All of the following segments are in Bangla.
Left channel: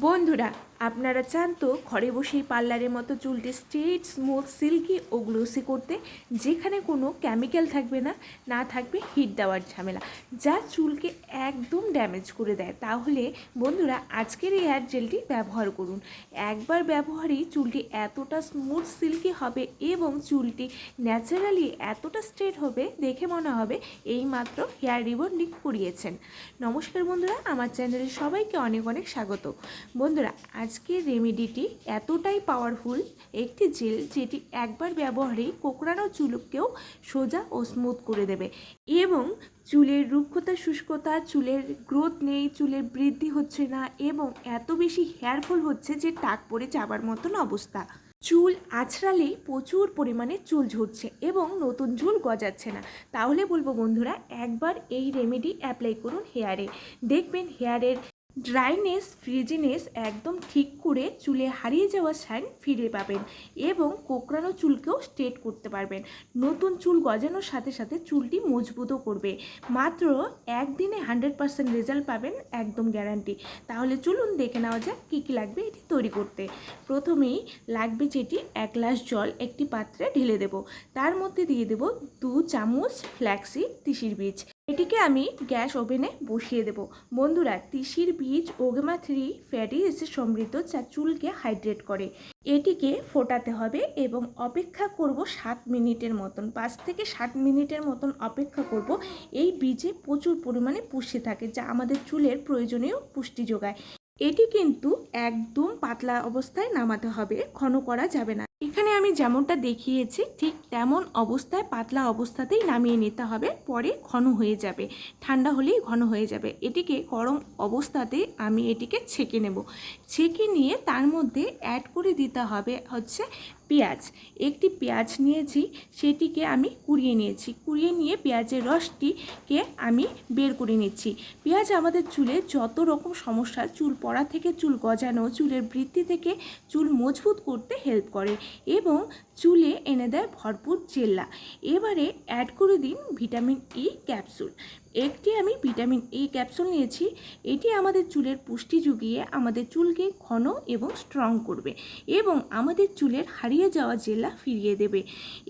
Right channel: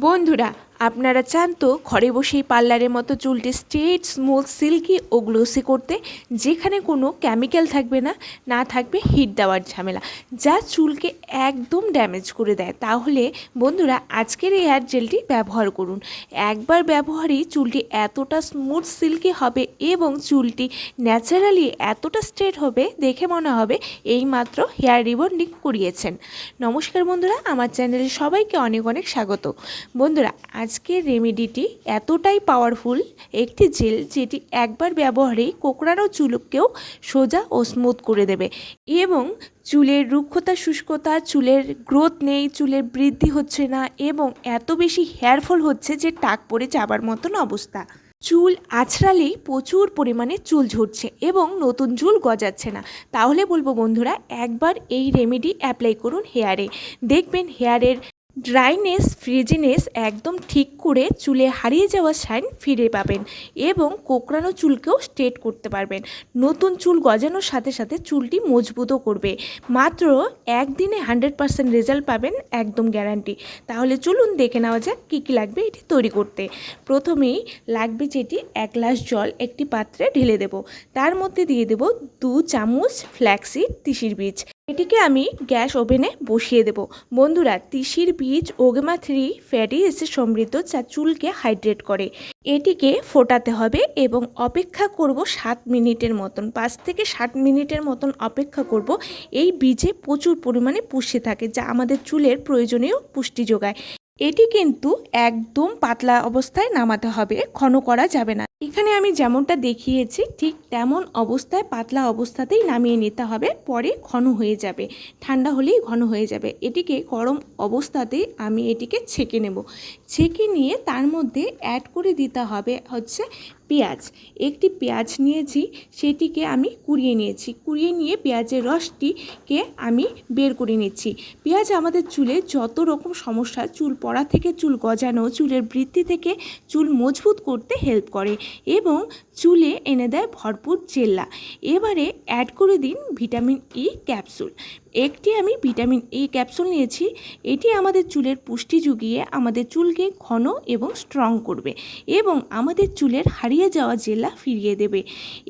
বন্ধুরা আপনারা চান তো ঘরে বসেই পার্লারের মতো চুলটি স্ট্রেট, স্মুথ, সিল্কি ও গ্লোসি করতে যেখানে কোনো কেমিক্যাল থাকবে না না থাকবে হিট দেওয়ার ঝামেলা। যা চুলকে একদম ড্যামেজ করে দেয়। তাহলে বন্ধুরা, আজকের এই হেয়ার জেলটি ব্যবহার করুন। একবার ব্যবহারেই চুলটি এতটা স্মুথ, সিল্কি হবে এবং চুলটি ন্যাচারালি এতটা স্ট্রেট হবে, দেখে মনে হবে এইমাত্র হেয়ার রিবন্ডিং করিয়েছেন। নমস্কার বন্ধুরা, আমার চ্যানেলে সবাইকে অনেক অনেক স্বাগত। বন্ধুরা আজকের রেমেডিটি এতটাই পাওয়ারফুল একটি জেল যেটি একবার ব্যবহারেই কোকড়ানো চুলকেও সোজা ও স্মুথ করে দেবে এবং চুলের রুক্ষতা, শুষ্কতা, চুলের গ্রোথ নেই, চুলের বৃদ্ধি হচ্ছে না এবং এত বেশি হেয়ার ফল হচ্ছে যে টাক পড়ে যাবার মতন অবস্থা। চুল আছড়ালেই প্রচুর পরিমাণে চুল ঝরছে এবং নতুন চুল গজাচ্ছে না। তাহলে বলব বন্ধুরা, একবার এই রেমেডি অ্যাপ্লাই করুন হেয়ারে। দেখবেন হেয়ারের ড্রাইনেস, ফ্রিজিনেস একদম ঠিক করে চুলে হারিয়ে যাওয়া শাইন ফিরে পাবেন এবং কোকড়ানো চুলকেও স্ট্রেট করতে পারবেন। নতুন চুল গজানোর সাথে সাথে চুলটি মজবুতও করবে। মাত্র একদিনে হান্ড্রেড পার্সেন্ট রেজাল্ট পাবেন একদম গ্যারান্টি। তাহলে চলুন দেখে নেওয়া যাক কী কী লাগবে এটি তৈরি করতে। প্রথমেই লাগবে যেটি এক গ্লাস জল একটি পাত্রে ঢেলে দেব। তার মধ্যে দিয়ে দেব দু চামচ ফ্ল্যাক্সিড তিসির বীজ। এটিকে আমি গ্যাস ওভেনে বসিয়ে দেব। বন্ধুরা, তিসির বীজ ওগেমা থ্রি ফ্যাটি অ্যাসিড সমৃদ্ধ যা চুলকে হাইড্রেট করে। এটিকে ফোটাতে হবে এবং অপেক্ষা করব সাত মিনিটের মতন, পাঁচ থেকে ষাট মিনিটের মতন অপেক্ষা করব। এই বীজে প্রচুর পরিমাণে পুষ্টি থাকে, যা আমাদের চুলের প্রয়োজনীয় পুষ্টি যোগায়। এটি কিন্তু একদম পাতলা অবস্থায় নামাতে হবে ঘন করা যাবে না। এখানে আমি যেমনটা দেখিয়েছি, ঠিক তেমন অবস্থায় পাতলা অবস্থাতেই নামিয়ে নিতে হবে, পরে ঘন হয়ে যাবে। ঠান্ডা হলেই ঘন হয়ে যাবে। এটিকে গরম অবস্থাতেই আমি এটিকে ছেঁকে নেব। ছেঁকে নিয়ে তার মধ্যে অ্যাড করে দিতে হবে হচ্ছে পেঁয়াজ। একটি পেঁয়াজ নিয়েছি, সেটিকে আমি কুড়িয়ে নিয়েছি। কুড়িয়ে নিয়ে পেঁয়াজের রসটিকে আমি বের করে নিচ্ছি। পেঁয়াজ আমাদের চুলে যত রকম সমস্যা, চুল পড়া থেকে চুল গজানো, চুলের বৃদ্ধি থেকে চুল মজবুত করতে হেল্প করে। এবং চুলে এনে দেয় ভরপুর জেল্লা। এবারে অ্যাড করে দিন ভিটামিন ই ক্যাপসুল একটি আমি ভিটামিন ই ক্যাপসুল নিয়েছি, এটি আমাদের চুলের পুষ্টি জুগিয়ে আমাদের চুলকে ঘন এবং স্ট্রং করবে এবং আমাদের চুলের হারিয়ে যাওয়া জেলা ফিরিয়ে দেবে।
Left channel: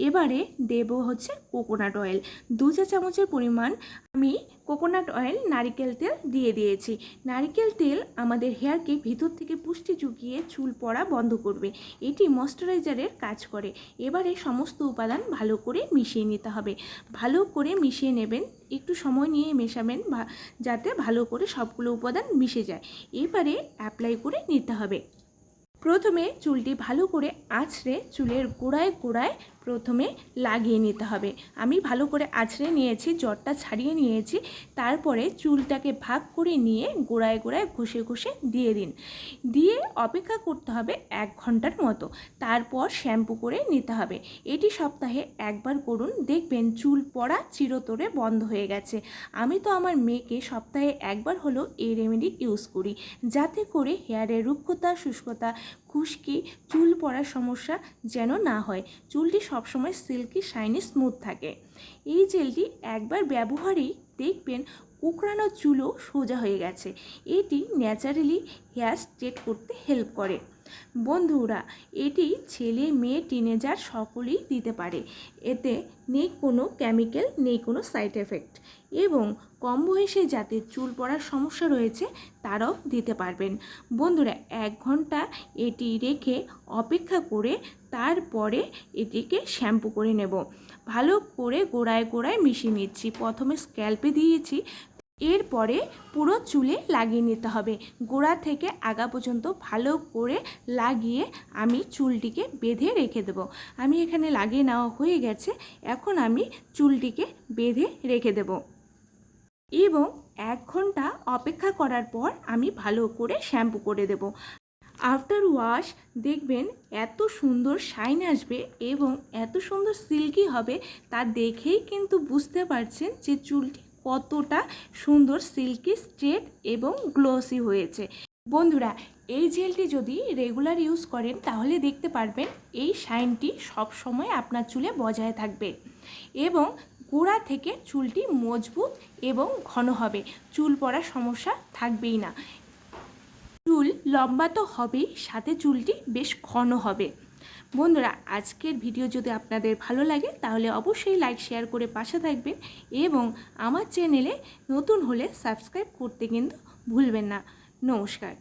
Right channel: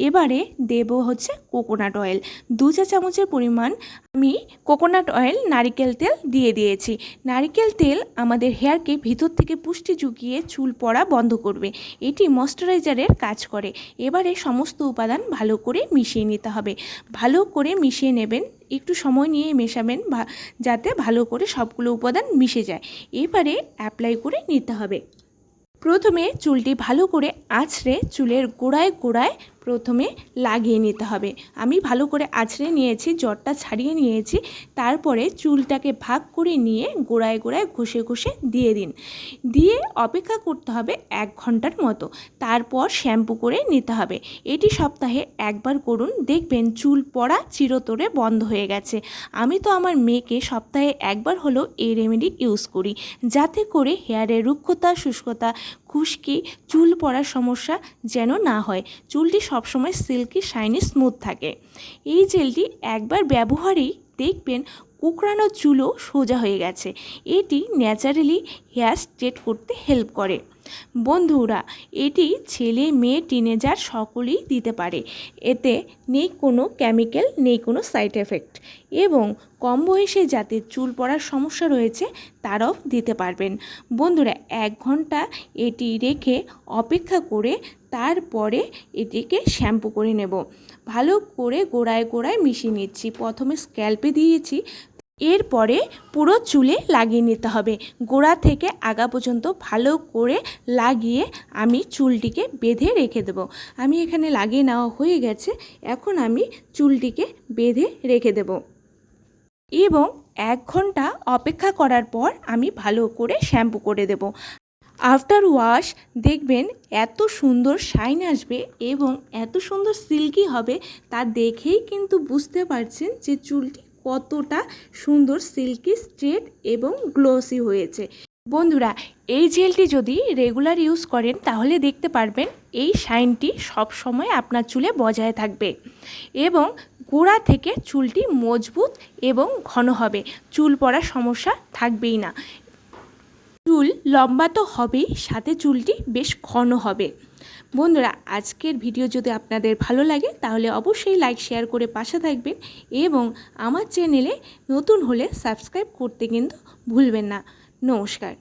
এবারে দেব হচ্ছে কোকোনাট অয়েল দু চা চামচের পরিমাণ আমি কোকোনাট অয়েল নারিকেল তেল দিয়ে দিয়েছি। নারিকেল তেল আমাদের হেয়ারকে ভিতর থেকে পুষ্টি জুগিয়ে চুল পড়া বন্ধ করবে। এটি ময়শ্চারাইজারের কাজ করে। এবারে সমস্ত উপাদান ভালো করে মিশিয়ে নিতে হবে। ভালো করে মিশিয়ে নেবেন, একটু সময় নিয়ে মেশাবেন যাতে ভালো করে সবগুলো উপাদান মিশে যায়। এবারে অ্যাপ্লাই করে নিতে হবে। প্রথমে চুলটি ভালো করে আঁচড়ে চুলের গোড়ায় গোড়ায় প্রথমে লাগিয়ে নিতে হবে। আমি ভালো করে আছড়ে নিয়েছি জ্বরটা ছাড়িয়ে নিয়েছি। তারপরে চুলটাকে ভাগ করে নিয়ে গোড়ায় গোড়ায় ঘষে ঘষে দিয়ে দিন। দিয়ে অপেক্ষা করতে হবে এক ঘণ্টার মতো। তারপর শ্যাম্পু করে নিতে হবে। এটি সপ্তাহে একবার করুন। দেখবেন চুল পড়া চিরতরে বন্ধ হয়ে গেছে। আমি তো আমার মেয়েকে সপ্তাহে একবার হলেও এই রেমেডি ইউজ করি। যাতে করে হেয়ারের রুক্ষতা, শুষ্কতা খুশকি, চুল পড়ার সমস্যা যেন না হয়। চুলটি সবসময় সিল্কি, শাইনি, স্মুথ থাকে। এই জেলটি একবার ব্যবহারেই দেখবেন কুকড়ানো চুলও সোজা হয়ে গেছে। এটি ন্যাচারালি হেয়ার স্ট্রেট করতে হেল্প করে। বন্ধুরা, এটি ছেলে, মেয়ে টিনেজার সকলেই দিতে পারে। এতে নেই কোনো কেমিক্যাল নেই কোনো সাইড এফেক্ট এবং কম বয়সে যাদের চুল পড়ার সমস্যা রয়েছে, তারাও দিতে পারবেন। বন্ধুরা, এক ঘণ্টা এটি রেখে অপেক্ষা করে তারপরে এটিকে শ্যাম্পু করে নেব। ভালো করে গোড়ায় গোড়ায় মিশিয়ে নিচ্ছি। প্রথমে স্ক্যাল্পে দিয়েছি এরপরে পুরো চুলে লাগিয়ে নিতে হবে। গোড়া থেকে আগা পর্যন্ত ভালো করে লাগিয়ে আমি চুলটিকে বেঁধে রেখে দেব। আমি এখানে লাগিয়ে নেওয়া হয়ে গেছে। এখন আমি চুলটিকে বেঁধে রেখে দেব। এবং এক ঘণ্টা অপেক্ষা করার পর আমি ভালো করে শ্যাম্পু করে দেব। আফটার ওয়াশ দেখবেন এত সুন্দর শাইন আসবে এবং এত সুন্দর সিল্কি হবে তা দেখেই কিন্তু বুঝতে পারছেন যে চুলটি কতটা সুন্দর সিল্কি, স্ট্রেট এবং গ্লোসি হয়েছে। বন্ধুরা, এই জেলটি যদি রেগুলার ইউজ করেন, তাহলে দেখতে পারবেন এই শাইনটি সব সময় আপনার চুলে বজায় থাকবে এবং গোড়া থেকে চুলটি মজবুত এবং ঘন হবে। চুল পড়ার সমস্যা থাকবেই না। চুল লম্বা তো হবেই, সাথে চুলটি বেশ ঘন হবে। বন্ধুরা, আজকের ভিডিও যদি আপনাদের ভালো লাগে, তাহলে অবশ্যই লাইক শেয়ার করে পাশে থাকবেন এবং আমার চ্যানেলে নতুন হলে সাবস্ক্রাইব করতে কিন্তু ভুলবেন না। নমস্কার।